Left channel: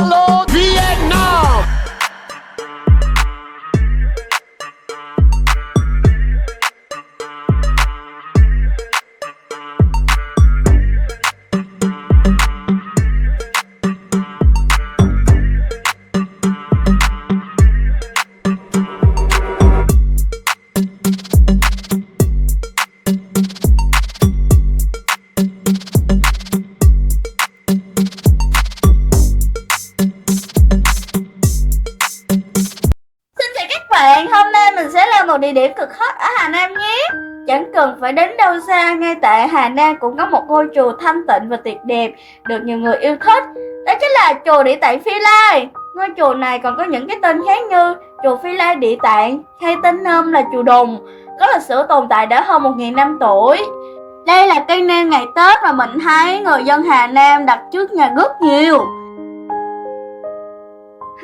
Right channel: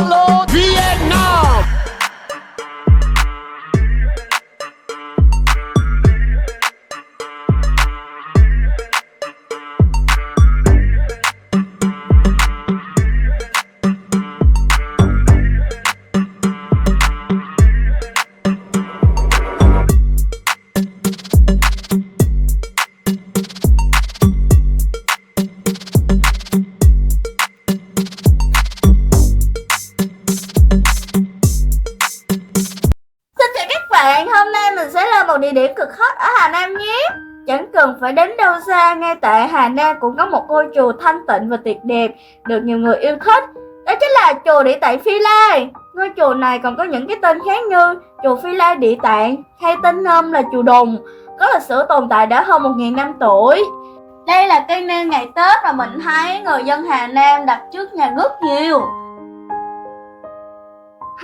Hello Vietnam. Hôm nay mình sẽ là một địa điểm cực hot ở Hà Nam nhé. Chẳng cần phải đến đâu xa, ngay tại Hà Nam cũng có một ngôi chùa thanh tịnh và tuyệt đẹp được nhiều người yêu thích. Đó chính là chùa Địa Tạng Phi Lai. Ngôi chùa này còn có những cái tên khác như chùa Phi Lai Địa Tạng hay tên nôm là chùa Đùng, có lịch sử tồn tại đã hơn 1000 năm tuổi. Đây là cây nêu ngày Tết mà mình thấy người dân Hà Nam đặt trước nhà rất nhiều.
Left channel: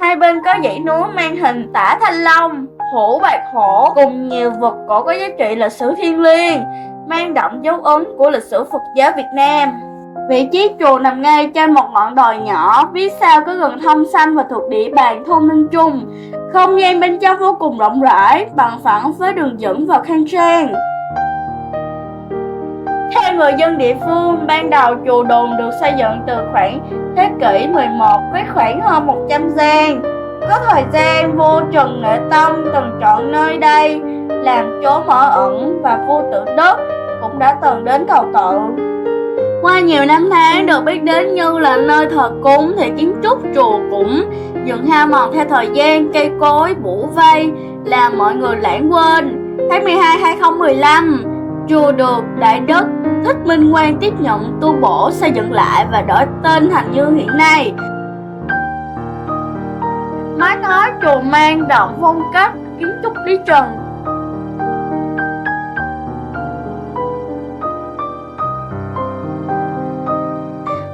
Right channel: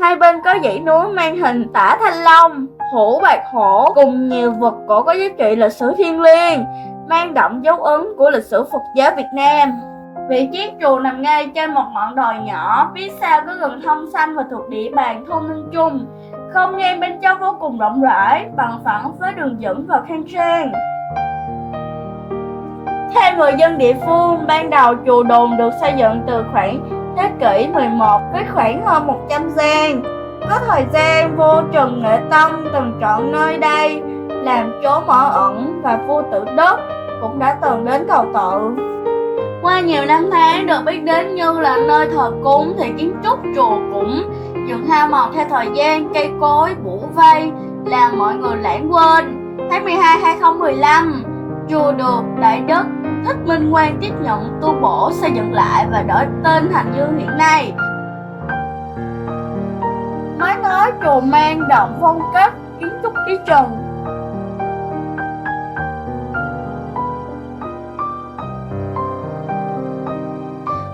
Hai bên có dãy núi mang hình tả thanh long, hổ bạch hổ cùng nhiều vật cổ có giá trị lịch sử thiêng liêng, mang đậm dấu ấn của lịch sử Phật giáo Việt Nam. Vị trí chùa nằm ngay trên một ngọn đồi nhỏ, phía sau có rừng thông xanh và thuộc địa bàn thôn Ninh Trung. Không gian bên trong vô cùng rộng rãi, bằng phẳng với đường dẫn và khang trang. Theo người dân địa phương, ban đầu chùa Đồn được xây dựng từ khoảng thế kỷ 11 với khoảng hơn 100 gian. Có thời gian vua Trần Nghệ Tông từng chọn nơi đây làm chỗ mở ẩn và vua Tự Đức cũng đã từng đến cầu tự. Qua nhiều năm tháng được biết đến như là nơi thờ cúng thì kiến trúc chùa cũng dần hao mòn theo thời gian, cây cối bủa vây làm mọi người lãng quên. Tháng 12 2015, chùa được Đại Đức Thích Minh Quang tiếp nhận tu bổ xây dựng lại và đổi tên thành như hiện nay. Mái ngói chùa mang đậm phong cách kiến trúc Lý Trần.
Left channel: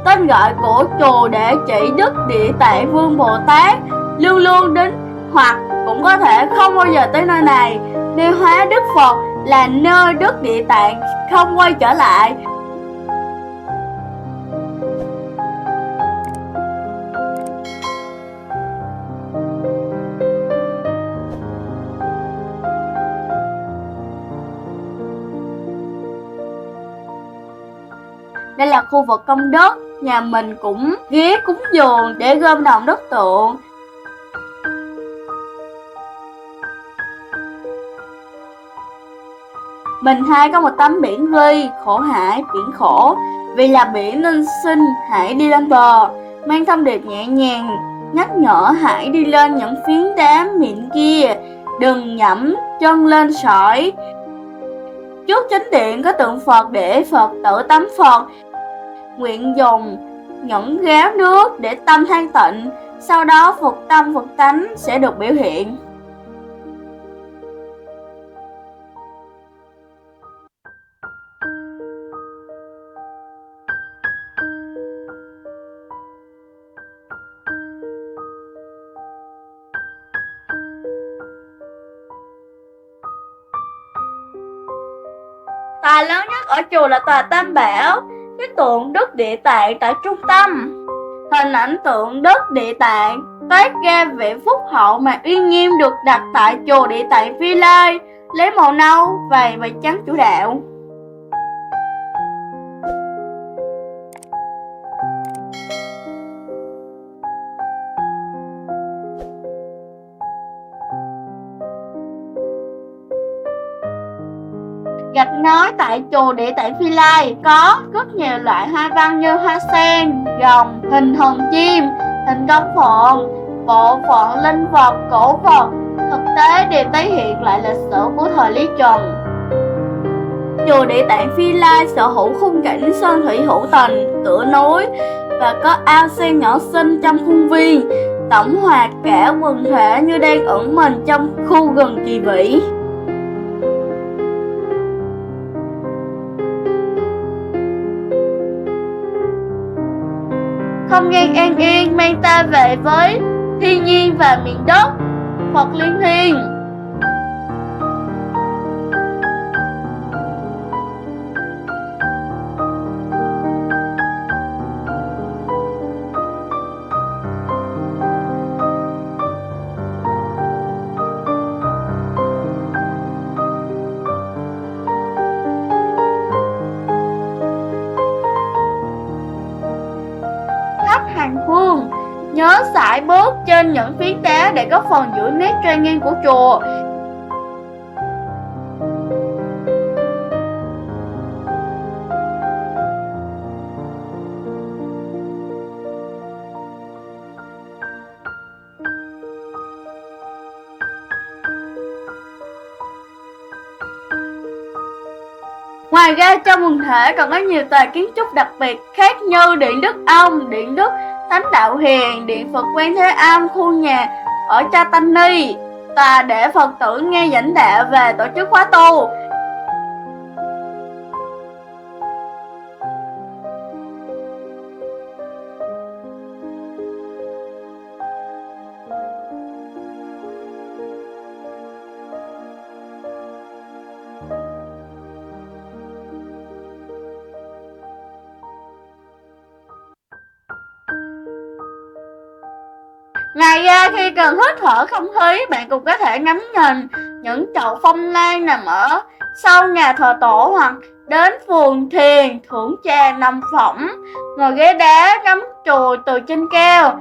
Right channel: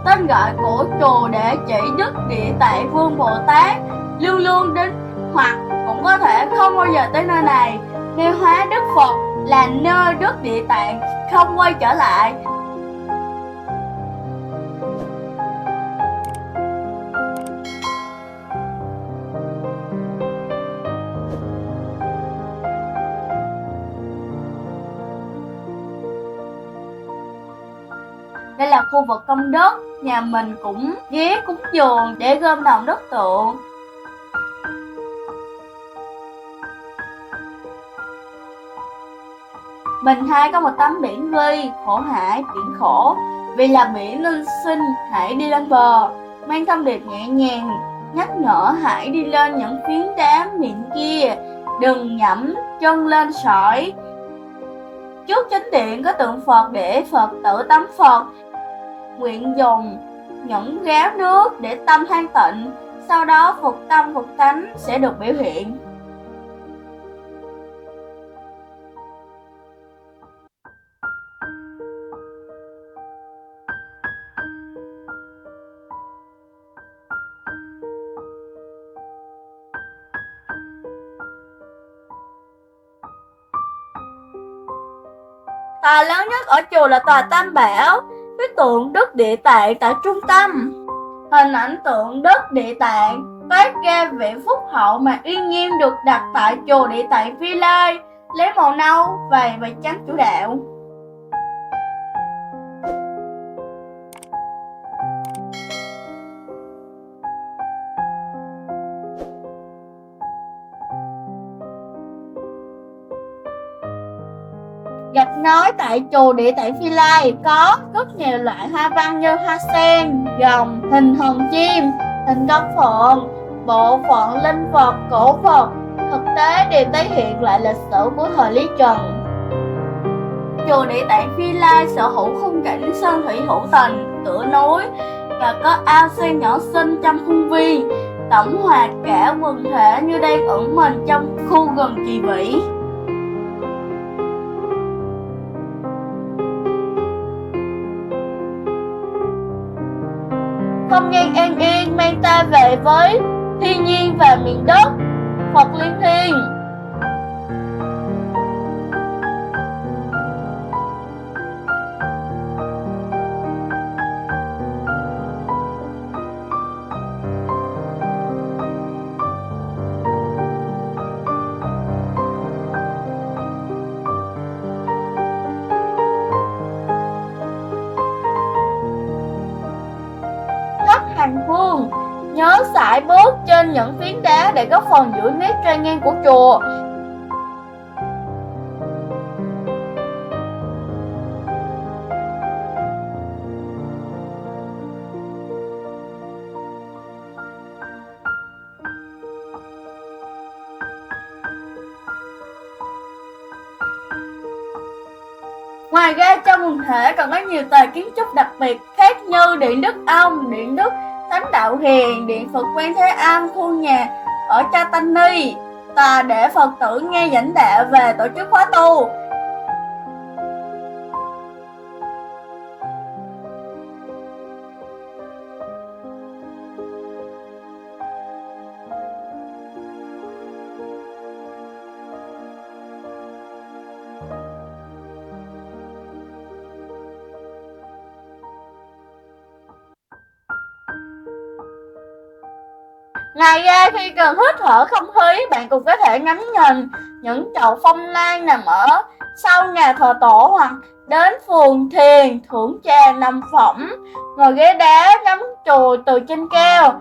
Tên gọi của chùa để chỉ Đức Địa Tạng Vương Bồ Tát luôn luôn đến hoặc cũng có thể không bao giờ tới nơi này, nơi hóa Đức Phật là nơi Đức Địa Tạng không quay trở lại. Đây là khu vực công đức, nhà mình cũng ghé cúng dường để gom đồng đất tượng. Mình hay có một tấm biển ghi khổ hải biển khổ, vì là biển nên xin hãy đi lên bờ, mang thông điệp nhẹ nhàng nhắc nhở hãy đi lên những phiến đá mịn kia, đừng nhẫm chân lên sỏi. Trước chánh điện có tượng Phật để Phật tự tắm Phật, nguyện dùng những gáo nước để tâm thanh tịnh, sau đó Phật tâm Phật tánh sẽ được biểu hiện. Tòa lớn nhất ở chùa là tòa Tam Bảo, với tượng Đức Địa Tạng tại trung tâm. Hình ảnh tượng Đức Địa Tạng toát ra vẻ phúc hậu mà uy nghiêm được đặt tại chùa Địa Tạng Phi Lai, lấy màu nâu, vàng và trắng chủ đạo. Gạch ngói tại chùa Địa Tạng Phi Lai có rất nhiều loại hoa văn như hoa sen, rồng, hình hồng chim, hình con phượng, bộ phận linh vật, cổ vật. Thực tế đều tái hiện lại lịch sử của thời Lý Trần. Chùa Địa Tạng Phi Lai sở hữu khung cảnh sơn thủy hữu tình, tựa núi và có ao sen nhỏ xinh trong khuôn viên, tổng hòa cả quần thể như đang ẩn mình trong khu rừng kỳ vĩ. Không gian an yên mang ta về với thiên nhiên và miền đất Phật liên thiên. hành hương. Nhớ sải bước trên những phiến đá để góp phần giữ nét trang nghiêm của chùa. Ngoài ra trong quần thể còn có nhiều tòa kiến trúc đặc biệt khác như Điện Đức Ông, Điện Đức Thánh Đạo Hiền, Điện Phật Quan Thế Âm, khu nhà ở Chaitanya, tòa để Phật tử nghe giảng đạo về tổ chức khóa tu. Ngoài ra khi cần hít thở không khí, bạn cũng có thể ngắm nhìn những chậu phong lan nằm ở sau nhà thờ tổ, hoặc đến vườn thiền thưởng trà nằm phỏng, ngồi ghế đá ngắm chùa từ trên cao.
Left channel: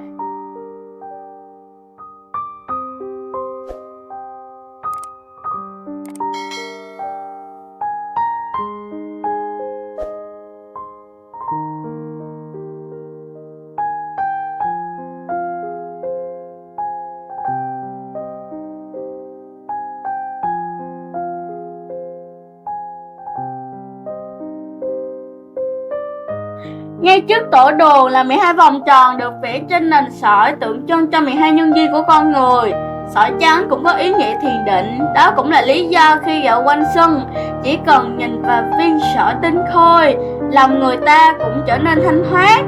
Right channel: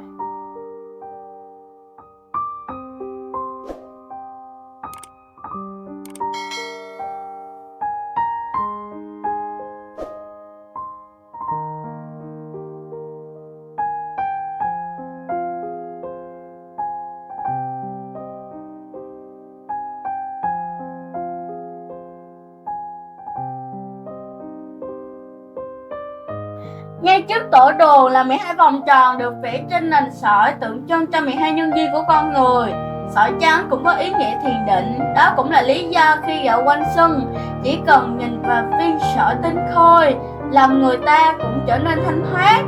Ngay trước tổ đồ là 12 vòng tròn được vẽ trên nền sỏi tượng trưng cho 12 nhân duyên của con người. Sỏi trắng cũng có ý nghĩa thiền định, đó cũng là lý do khi dạo quanh sân, chỉ cần nhìn vào viên sỏi tinh khôi, lòng người ta cũng trở nên thanh thoát.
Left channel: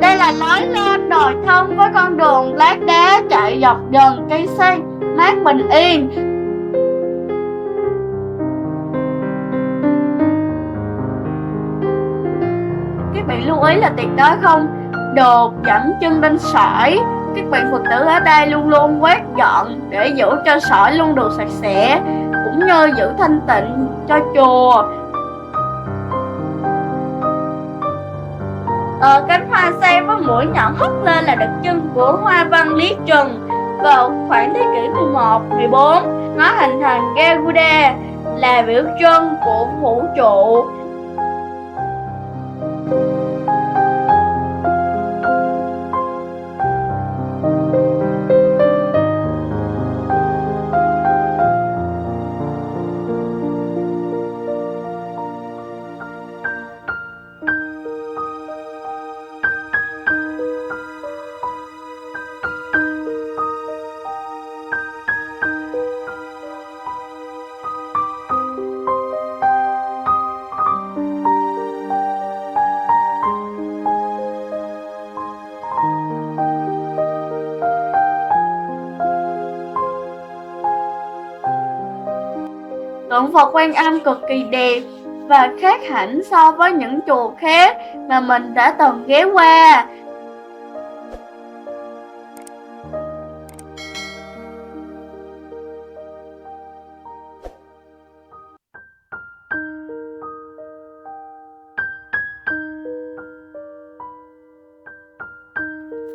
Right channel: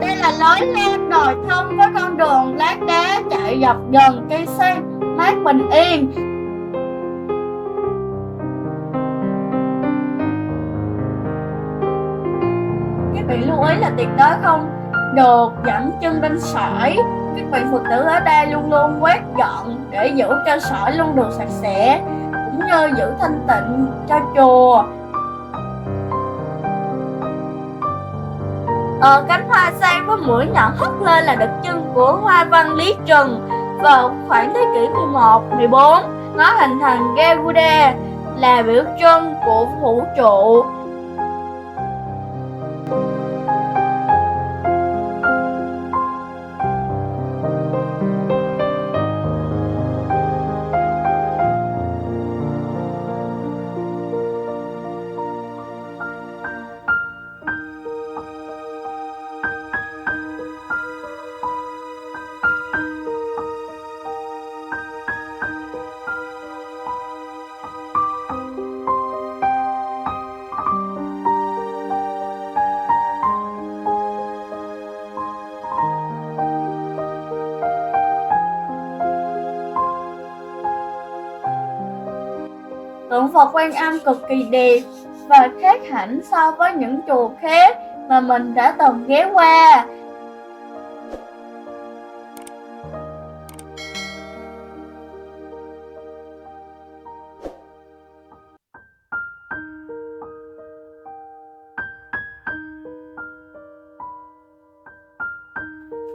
Đây là lối lên đồi thông với con đường lát đá chạy dọc gần cây xanh mát bình yên. Các bạn lưu ý là tuyệt đối không được dẫm chân lên sỏi. Các bạn Phật tử ở đây luôn luôn quét dọn để giữ cho sỏi luôn được sạch sẽ, cũng như giữ thanh tịnh cho chùa. Cánh hoa sen với mũi nhọn hất lên là đặc trưng của hoa văn Lý Trần. Vào khoảng thế kỷ 11, 14, nó hình thành Garuda là biểu trưng của vũ trụ. Tượng Phật Quan Âm cực kỳ đẹp và khác hẳn so với những chùa khác mà mình đã từng ghé qua.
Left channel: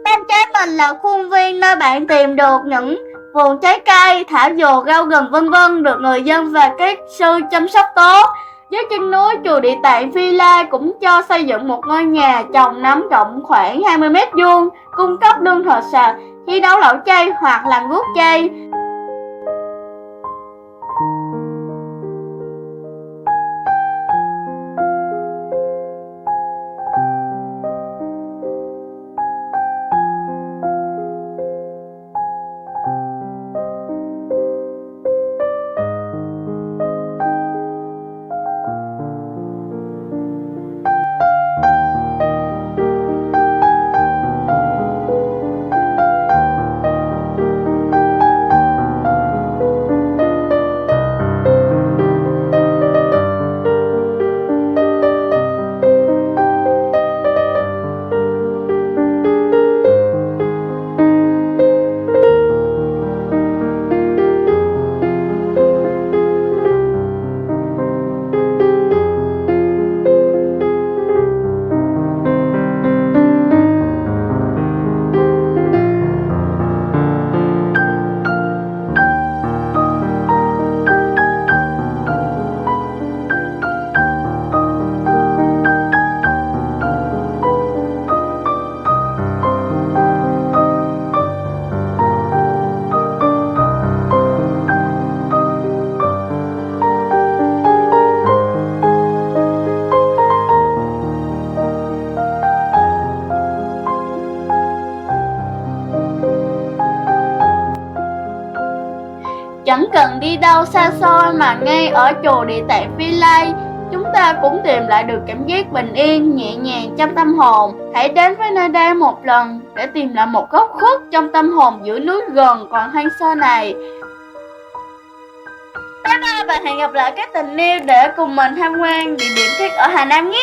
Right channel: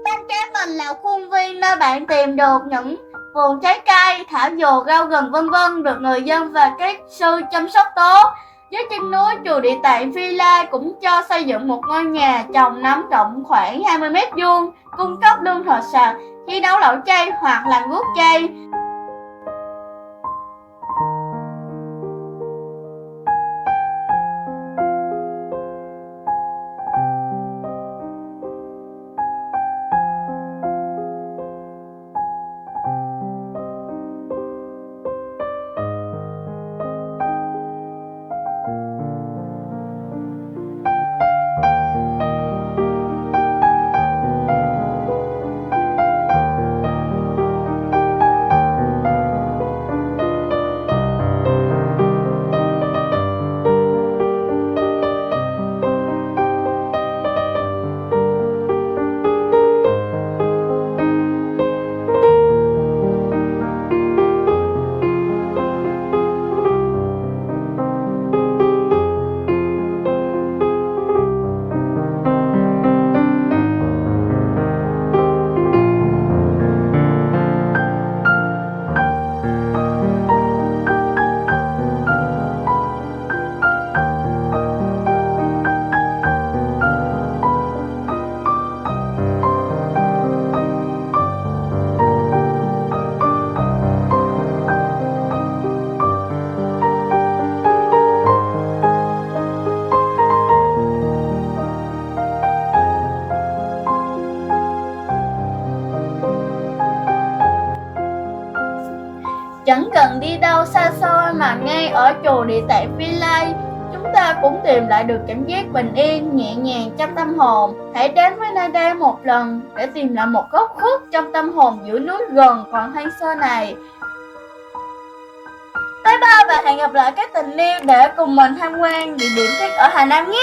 Bên trái mình là khuôn viên nơi bạn tìm được những vườn trái cây, thảo dược, rau gừng vân vân được người dân và các sư chăm sóc tốt. Dưới chân núi chùa Địa Tạng Phi La cũng cho xây dựng một ngôi nhà trồng nấm rộng khoảng 20 m², cung cấp lương thực sạch khi nấu lẩu chay hoặc làm guốc chay. Chẳng cần đi đâu xa xôi mà ngay ở chùa Địa Tạng Phi Lai, chúng ta cũng tìm lại được cảm giác bình yên, nhẹ nhàng trong tâm hồn. Hãy đến với nơi đây một lần để tìm lại một góc khuất trong tâm hồn giữa núi gần còn hoang sơ này. Bye bye và hẹn gặp lại các tình yêu để cùng mình tham quan địa điểm khác ở Hà Nam nhé.